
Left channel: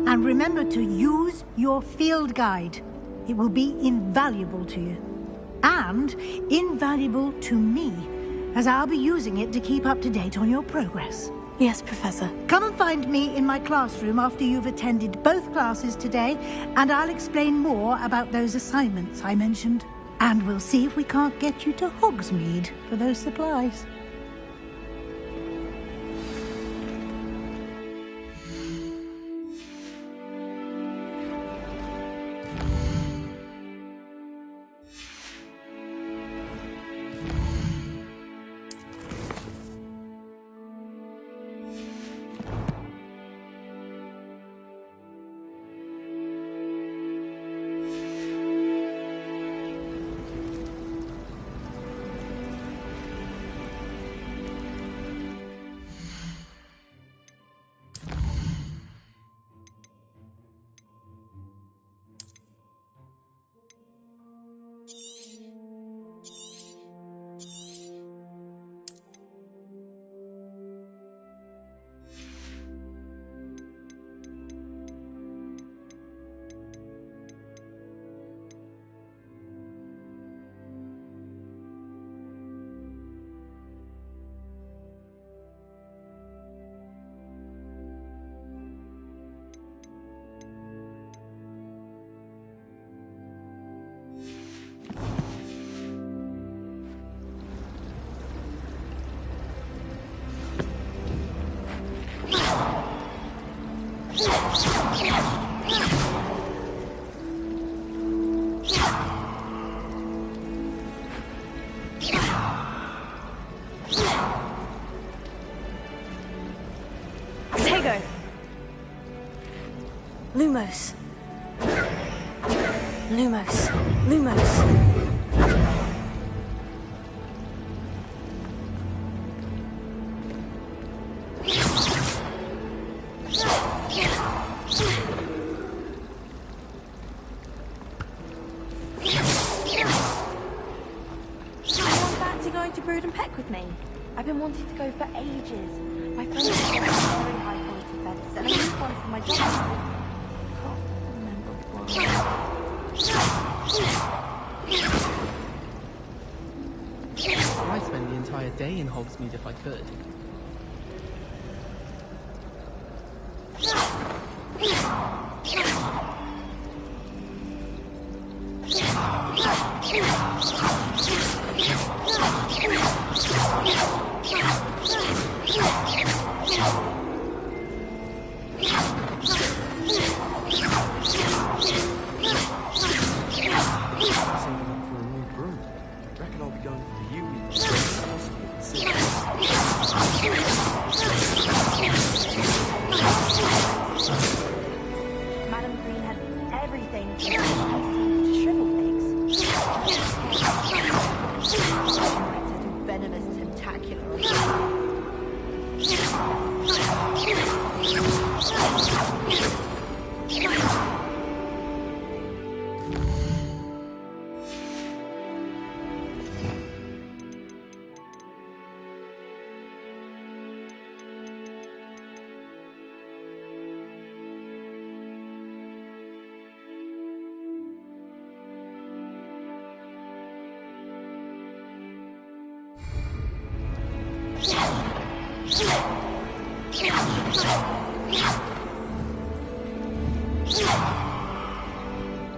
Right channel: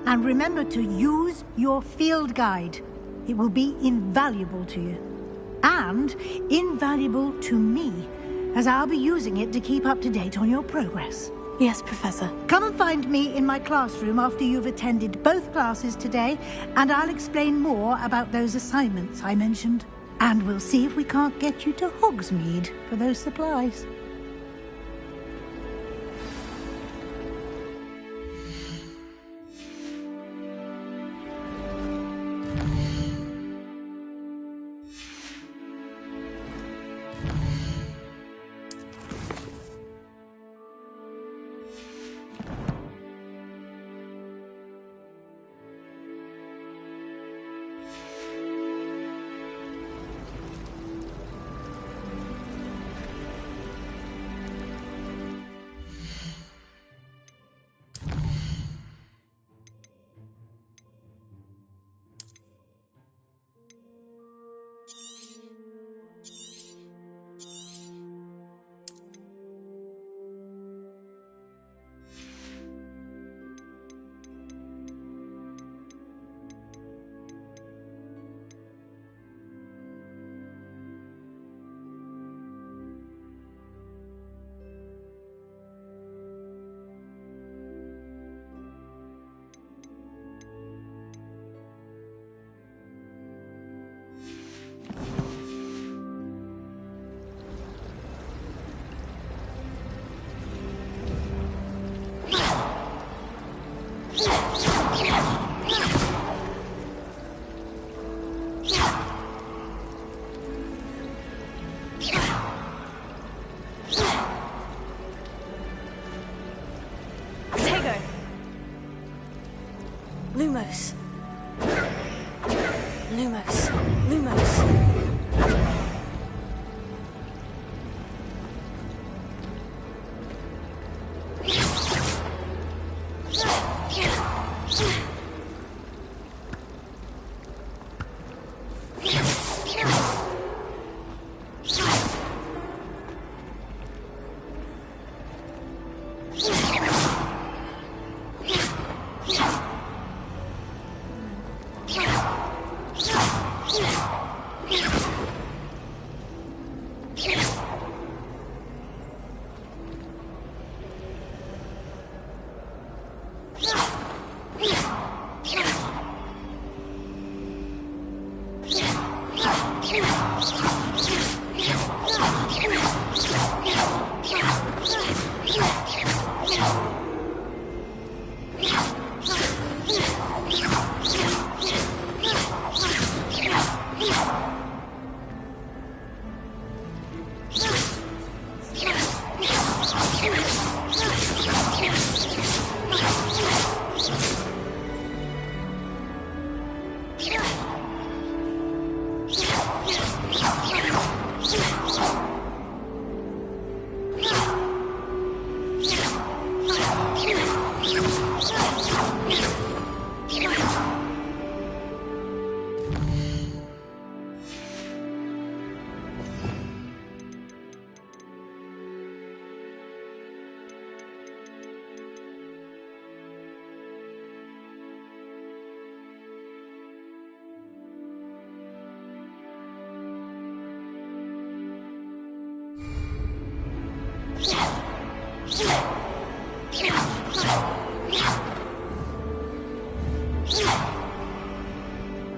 And remember to use your field guide. It will be invaluable to you. And invaluable to me, as I'll be using it to keep up to date on your progress. Yes, Professor. Come and find me in my classroom after you've attended both classes today, and I'll explain more about those assignments I mentioned. And we'll see if we can't get you to Hogsmeade for those supplies. Lumos. Lumos. Lumos. Fancy going to Brood and Peck with me? I've been wanting to go for ages. My I'd spend the entire day in Hogsmeade if I could.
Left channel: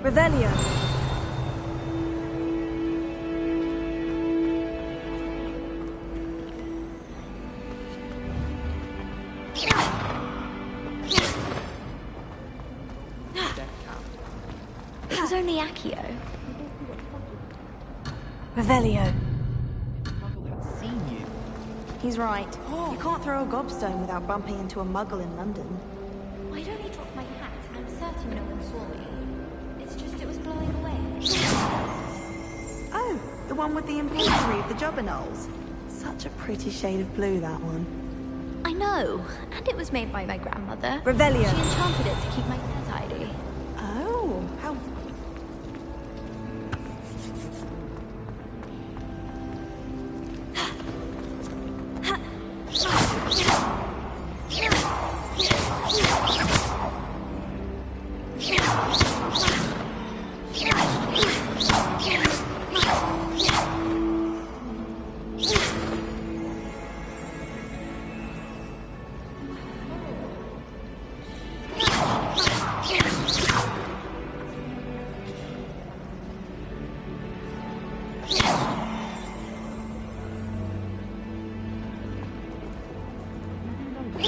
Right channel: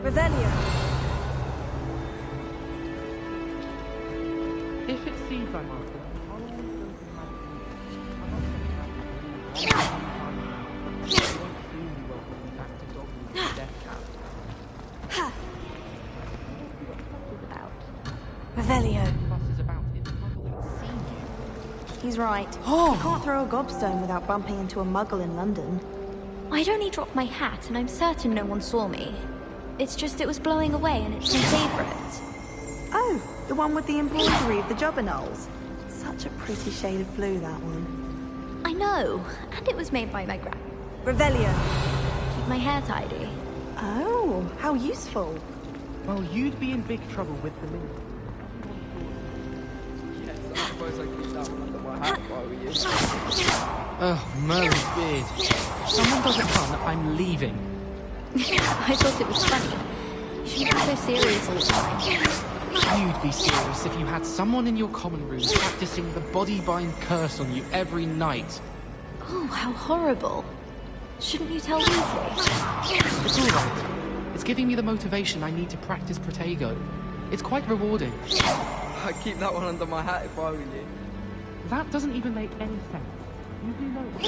Revelio. It was only Accio. Revelio. He's right. You can't throw a gobstone without bumping into a muggle in London. I'd only dropped my hat, and I'm certain no one saw me. It's just it was blowing away, and it's my favourite. Oh, the one with the embroidery of the Jobberknolls. Such a pretty shade of blue, that one. I know, and it was made by my grandmother. Revelio. I wanted it to keep my hair tidy. Oh, how useful. Well, you'd be in big trouble with the moon. Oh, Merlin did. I'm leaving. I thought it was funny. She was so serious. You would be serious if you had someone in your common room practicing the body-bind curse on you every night. Oh, how horrible. Shouldn't you tell me? It's giving me the motivation I need to practice Protego. It's quite rewarding. I'd keep that one under my hat if I were you. That doesn't even make any sense. You do know that.